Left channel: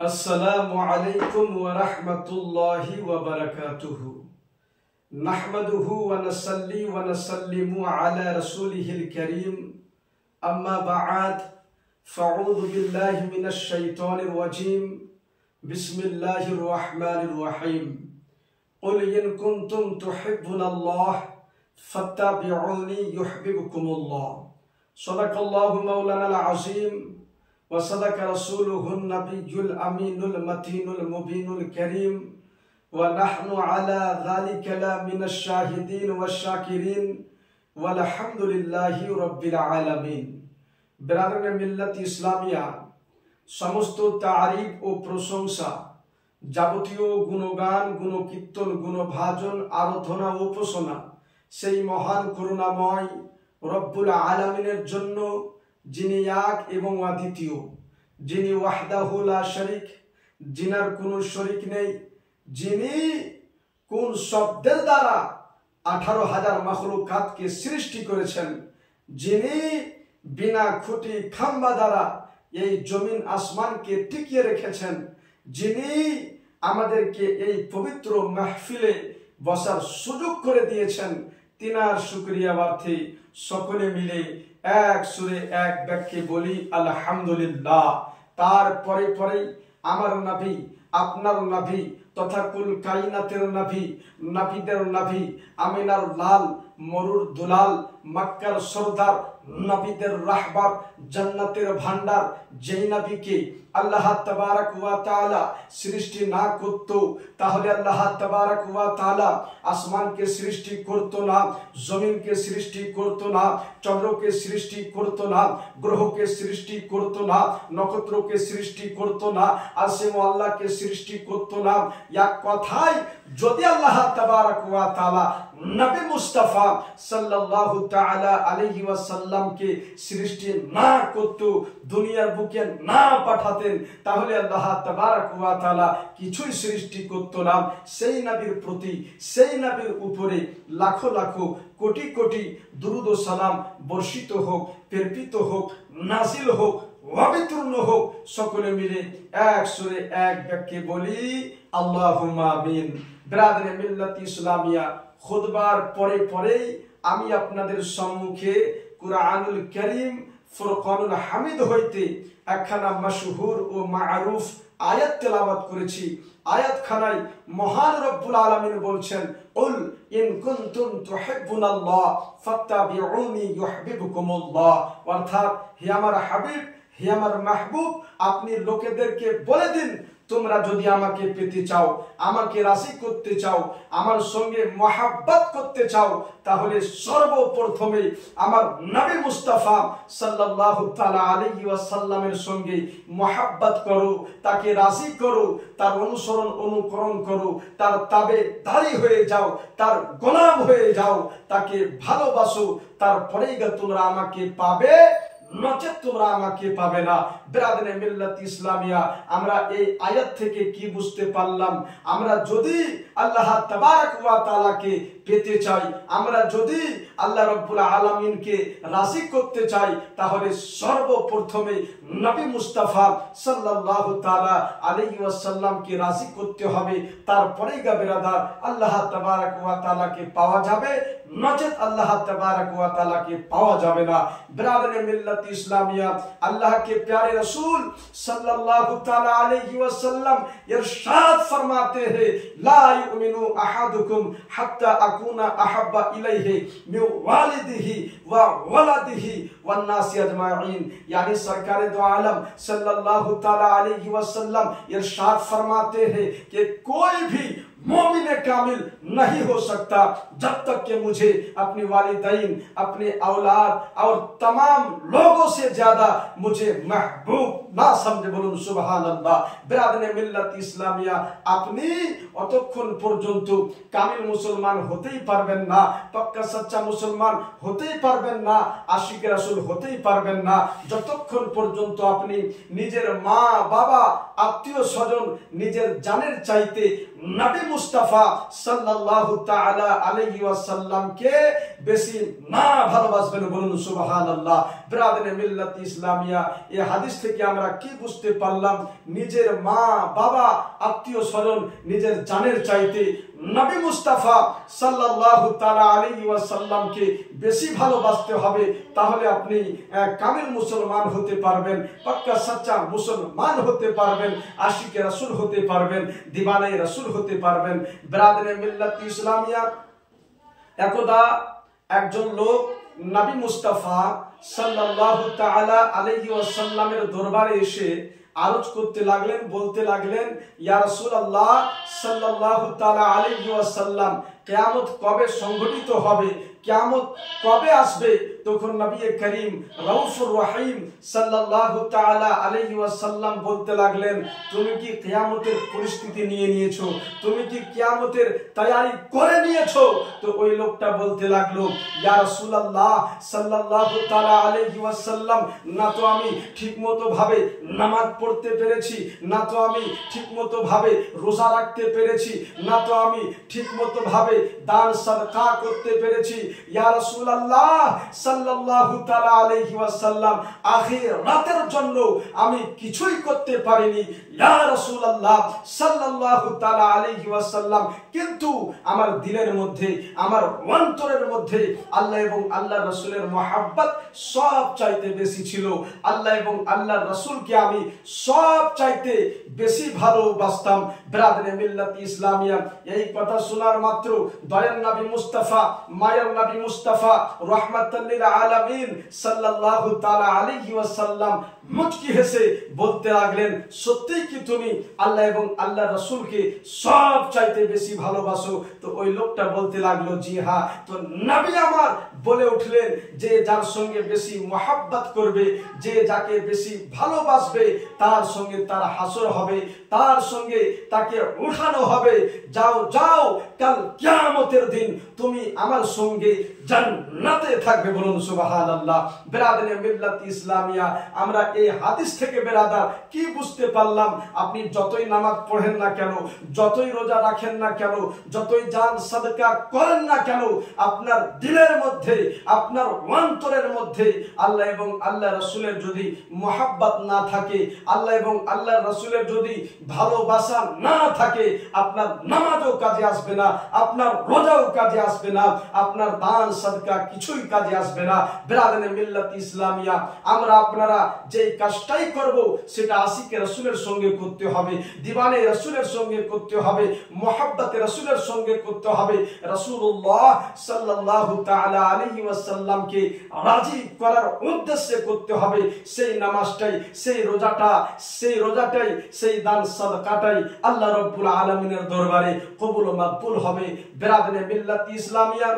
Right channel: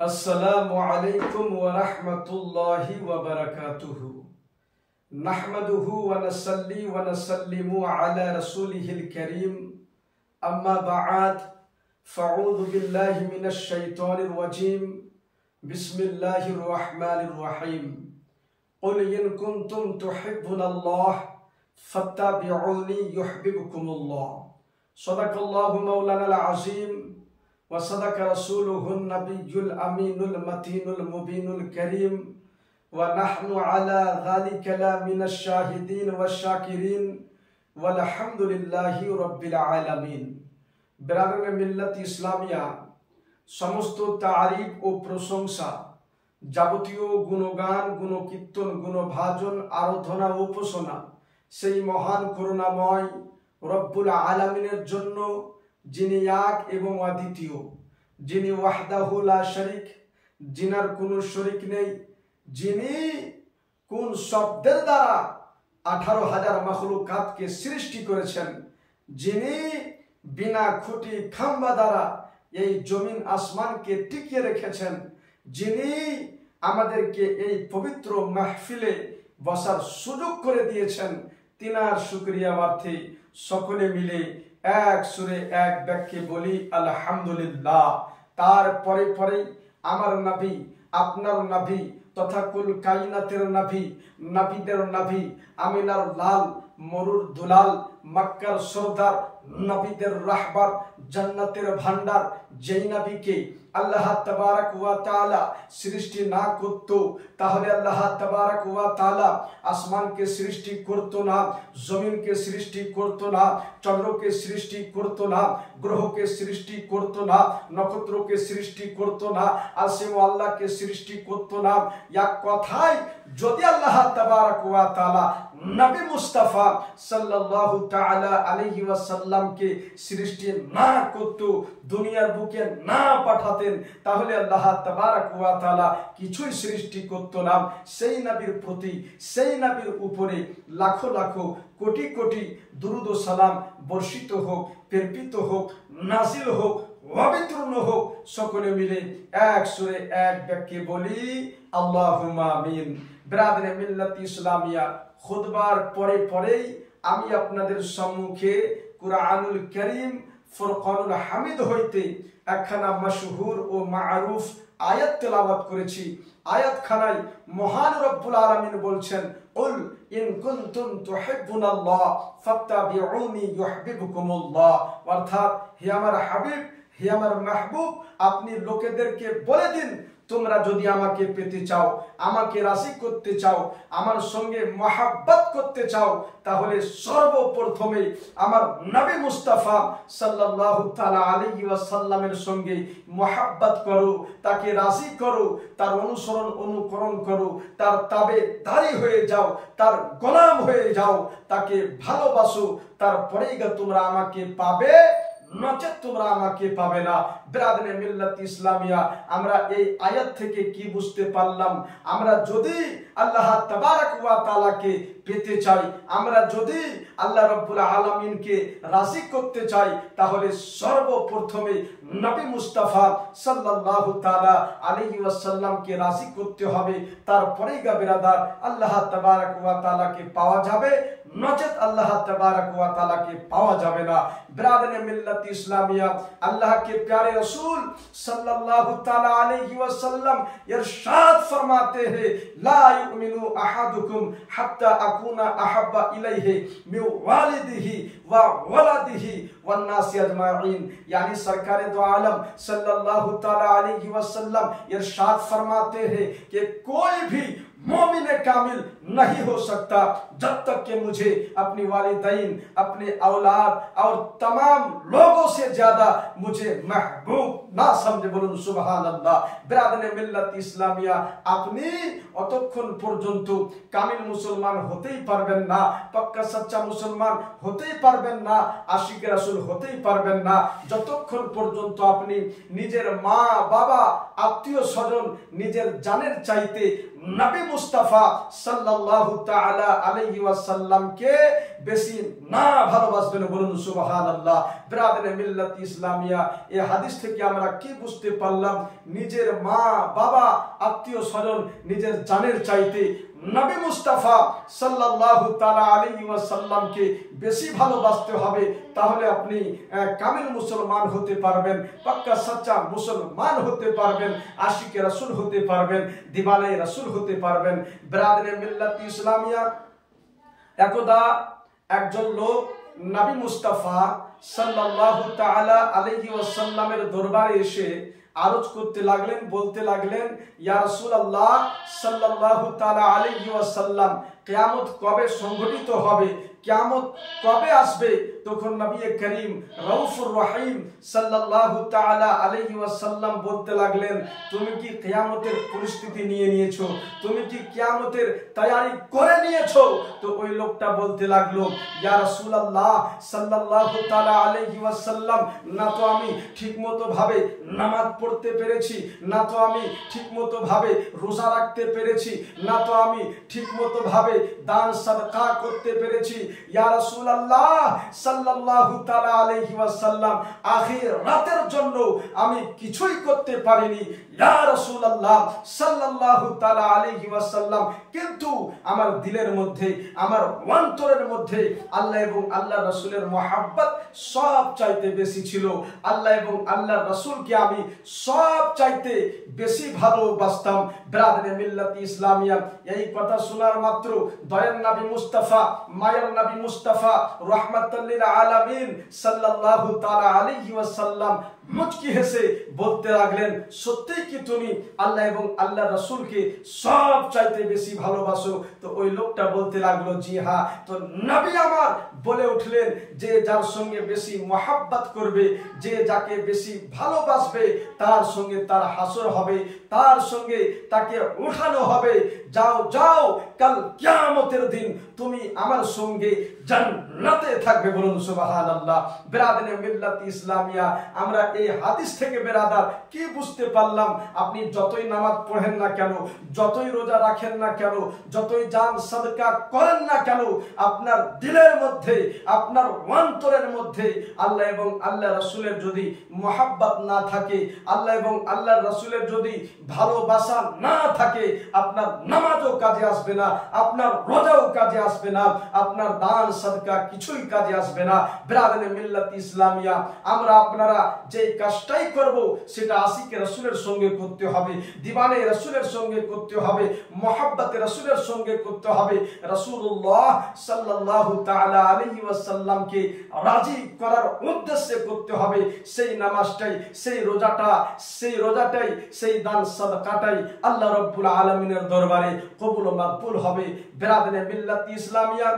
अस्सलामु अलैकुम व रहमतुल्लाहि व बरकातुहु। नहमदुहु व नसल्ली व नसल्लिमु अला रसूलिहिल करीम। अम्मा बअद फ़अऊज़ु बिल्लाहि मिनश शैतानिर रजीम। बिस्मिल्लाहिर रहमानिर रहीम। क़ुल इन कुन्तुम तुहिब्बुनल्लाह फत्तबिऊनी युहब्बिबकुमुल्लाह। सदक़ल्लाहु मौलानाल अज़ीम व सदक़ रसूलुहुन नबियुल अमीनुल मतीनुल मुबीनुल करीम व नहनु अला ज़ालिका लमिनश शाहिदीन व शाकिरीन वल्हम्दुलिल्लाहि रब्बिल आलमीन। बिरादरान मिल्लत इस्लामिया, समस्त तारीफ ও প্রশংসা, যাবতীয় গুণগান, গুণকীর্তন, গুণভাজন, আরাধনা ও উপাসনা সেই মহান করুণাময় রব্বুল আলামিনের জন্য, যিনি এক এবং অদ্বিতীয়, যিনি ওয়াহদাহু লা শরীক, যিনার কোনো শরীক নেই, যিনি কোন শব্দের দ্বারা 18,000 মাখলুকাতকে সৃষ্টি করেছেন, যিনি বিনা খুঁটি খাম্বা দ্বারা এই জমিন আসমানকে টিকিয়ে রেখেছেন, যিনি আমাদেরকে এই পবিত্র মাহফিলে বসার সুযোগ করে দিয়েছেন, তিনার শুকরিয়া অর্থে সকলে মিলে এক সুরে এক বাক্যে বলি আলহামদুলিল্লাহ। তারপরে পরে আমার নবী, আপনার নবী তথা কুল কায়নাতের নবী, নবীদের নবী, আমিনার লাল, মরুর দুলাল, মক্কার সরদার, নবীদের রাহবার, জান্নাতের ভান্ডার, যেই নবীকে আল্লাহ তাবারক ওয়া তাআলা সৃষ্টি না করত, তাহলে আল্লাহ তাবারক ওয়া তাআলা আসমানকে সৃষ্টি করত না, জমিনকে সৃষ্টি করত না, চন্দ্রকে সৃষ্টি করত না, গ্রহকে সৃষ্টি করত না, নক্ষত্রকে সৃষ্টি করত না, আসিম আল্লাহকে সৃষ্টি করত না। এক কথায় যদি আল্লাহ তাবারক ওয়া তাআলা নবী মুস্তাফা সাল্লাল্লাহু তাআলা আলাইহি ওয়াসাল্লামকে সৃষ্টি না করত, দুনিয়ার বুকে না পাঠাতেন, তাহলে আল্লাহ তাবারক ওয়া তাআলা কিছুই সৃষ্টি করত না। সেই নবীর প্রতি, সেই নবীর উপরে লাখো লাখো কোটি কোটি দুরূদ ও সালাম বর্ষিত হোক, প্রেরিত হোক, নাজিল হোক, অবতীর্ণ হোক। সকলে মিলে এক সুরে এক বাক্যে বলি আল্লাহুম্মা আমিন। বিরাদরে মিল্লাত ইসলামিয়া, খুতবার পরে পরেই আমি আপনাদের সম্মুখে কুরআনুল কারীম ফুরকানুল হামিদ হইতে একখানা মাশহুর ও মারুফ আয়াত তেলাওয়াত করেছি। আয়াতখানায় মহান রব্বুল আলামিন বলছেন, কুল ইন কুনতুম তুহিব্বুনাল্লাহ ফাত্তাবিউনি ইউহিব্বুকুমুল্লাহ। অর্থাৎ, হে আমার হাবিব, হে আমার মাহবুব, আপনি লোকেদেরকে বলে দিন, তোমরা যদি আমাকে পেতে চাও, আমাকে রাজি করতে চাও, আমার সঙ্গে মহাব্বত করতে চাও, তাহলে সর্বপ্রথমে আমার নবী মুস্তাফা সাল্লাল্লাহু তাআলা আলাইহি ওয়াসাল্লামের সঙ্গে মহাব্বত করো, তাকে রাজি করো, তার অনুসরণ অনুকরণ করো, তার তাবেদারি হয়ে যাও, তার গোলাম হয়ে যাও, তাকে ভালোবাসো, তারপরেই তোমরা আমাকে পাবে, নচেত তোমরা আমাকে পাবে না। বিরাদরে মিল্লাত ইসলামিয়া, আমরা এই আয়াত থেকে কি বুঝতে পারলাম? আমরা যদি আল্লাহ তাবারক ওয়া তাআলাকে পেতে চাই, আমরা যদি আল্লাহ রাব্বুল আলামিনকে রাজি করতে চাই, তাহলে সর্বপ্রথমে নবী মুস্তাফা সাল্লাল্লাহু তাআলা আলাইহি ওয়াসাল্লামকে রাজি করতে হবে। তারপরেই বিরাদার আল্লাহ তাবারক ওয়া তাআলাকে পাওয়া যাবে, নচেত আল্লাহ তাবারক ওয়া তাআলাকে পাওয়া যাবে না। বিরাদরে মিল্লাত ইসলামিয়া, আল্লাহ के प्यारे रसूल सल्लल्लाहु ताला अलैहि वसल्लम इरशाद फरमाते हैं, ला युमिनु अहदुकुम हत्ता अकुना अहब्बा इलैहि मिन वालिदिही व वलदिही वन नास अजमाइन। यानी सरकार दो आलम सल्लल्लाहु ताला अलैहि वसल्लम इरशाद फरमाते हैं कि कोई भी मोमिन कामिल नहीं हो सकता जब तक कि मुझे अपनी वालिदैन, अपने औलाद और तमाम लोगों से ज्यादा मुझे महबूब ना समझे। बोलून सुबहान अल्लाह। बिरादरे मिल्लत इस्लामिया, अपनी অতক্ষণ পর্যন্ত কামিল মুসলমান হতেই পারবেন না, পাক্কা সচ্চা মুসলমান হতেই পারবেন না, আশিক রাসূল হতেই পারবেন না, যতক্ষণ পর্যন্ত আপনি নিজের মা বাবা, আত্মীয় স্বজন, নিজের জানের চাইতে নবী মুস্তাফা সাল্লাল্লাহু তাআলা আলাইহি ওয়াসাল্লামকে বেশি না ভালোবাসবেন, বলুন সুবহানাল্লাহ। বিরাদরে মিল্লাত ইসলামিয়া, এই হাদিস থেকে আমরা কি বুঝতে পারলাম? নিজের মা বাবা আত্মীয় স্বজন নিজের জানের চাইতে নবী মুস্তাফা সাল্লাল্লাহু তাআলা আলাইহি ওয়াসাল্লামকে বেশি ভালোবাসতে হবে, তাহলে আপনি কামিল মুসলমান হতে পারবেন, পাক্কা সচ্চা মুসলমান হতে পারবেন, আশিকে রাসূল হতে পারবেন, দিওয়ানে রাসূল হতে পারবেন। বিরাদরে মিল্লাত ইসলামিয়া, একদা একজন লোক নবী মুস্তাফা সাল্লাল্লাহু তাআলা আলাইহি ওয়াসাল্লামের দরবারে এসে আরজ করতে লাগলেন, বলতে লাগলেন, ইয়া রাসূলুল্লাহ সাল্লাল্লাহু তাআলা আলাইহি ওয়াসাল্লাম, কিয়ামত কবে সংঘটিত হবে, কিয়ামত কবে আসবে? তখন নবী করিম রাউফুর রহিম সাল্লাল্লাহু তাআলা আলাইহি ওয়াসাল্লাম বলতে লাগলেন, তুমি কি কিয়ামতের পরিস্থিতি নিয়ে নিয়েছো? তুমি কি কিয়ামতের তৈয়ারি করে নিয়েছো? তো ওই লোকটা বলতে লাগলো, ইয়া রাসূলুল্লাহ সাল্লাল্লাহু তাআলা আলাইহি ওয়াসাল্লাম, না তো আমি ঠিকমতো ভাবে নামাজ পড়তে পেরেছি, না তো আমি ঠিকমতো ভাবে রোজা রাখতে পেরেছি, না তো আমি ঠিকমতো ভাবে দান সাদকা করতে পেরেছি। ইয়া রাসূলুল্লাহ সাল্লাল্লাহু তাআলা আলাইহি ওয়াসাল্লাম, আখিরাতের জন্য আমি কিছুই করতে পারিনি ইয়া রাসূলুল্লাহ সাল্লাল্লাহু তাআলা আলাইহি ওয়াসাল্লাম, কিন্তু আমার দিলের মধ্যে, আমার অন্তরের মধ্যে আল্লাহ এবং আল্লাহর রাসূলের মহব্বত সব চাইতে বেশি ছিল। আল্লাহ এবং আল্লাহর রাসূলকে আমি সব চাইতে বেশি ভালোবাসতাম। বিরাদরে মিল্লাত ইসলামিয়া, এই কথা শোনার মাত্র দয়ার নবী মুস্তাফা, মায়ের নবী মুস্তাফা রাহমাতুল লিল আলামিন সাল্লাল্লাহু তাআলা আলাইহি ওয়াসাল্লাম মুচকি হেসে বলতে লাগলেন, সত্যি কি তুমি আল্লাহ এবং আল্লাহর রাসূলকে সব চাইতে বেশি ভালোবাসো? তো ওই লোকটা বলতে লাগলো, জি হ্যাঁ। তো নবী আমার বলে উঠলেন, যে যার সঙ্গে বেশি মহব্বত করবে, যে যাকে বেশি ভালোবাসবে, তার সঙ্গে তার হাসর হবে, তার সঙ্গে তাকে উঠানো হবে। যাও যাও, কাল কিয়ামতের দিন তুমি আমার সঙ্গে জান্নাতে থাকবে, বলুন সুবহানাল্লাহ। বিরাদরে মিল্লাত ইসলামিয়া, আমরা এই হাদিস থেকে বেরাদার কি বুঝতে পারলাম? আপনি যতই নামাজ পড়েন না কেন, যতই রোজা রাখেন না কেন, যতই দান সাদকা করেন না কেন, আপনার দিলের মধ্যে, আপনার অন্তরের মধ্যে আল্লাহ এবং আল্লাহ রাসূলের যদি মহব্বত না থাকে, আল্লাহ এবং আল্লাহ রাসূলের যদি ভালোবাসা না থাকে, আপনার নামাজও কাজে আসবে না, আপনার রোজাও কাজে আসবে না, আপনার দান সাদকা কিছুই কাজে আসবে না। বিরাদরে মিল্লাত ইসলামিয়া, আমরা আপনারা যে কাজটাই করব সেটা আশিকে রাসূলের সঙ্গে করতে হবে, দিওয়ানে রাসূলের সঙ্গে করতে হবে, মহব্বতে রাসূলের সঙ্গে করতে হবে। রাসূলুল্লাহ সাল্লাল্লাহু তাআলা আলাইহি ওয়াসাল্লামকে রাজি করার উদ্দেশ্যে করতে হবে। সেই নামাজটাই, সেই রোজাটাই, সেই দান সাদকাটাই আল্লাহ রাব্বুল আলামিনের দরবারে কবুল ও মাকবুল হবে। বিরাদরে মিল্লাত ইসলামিয়া,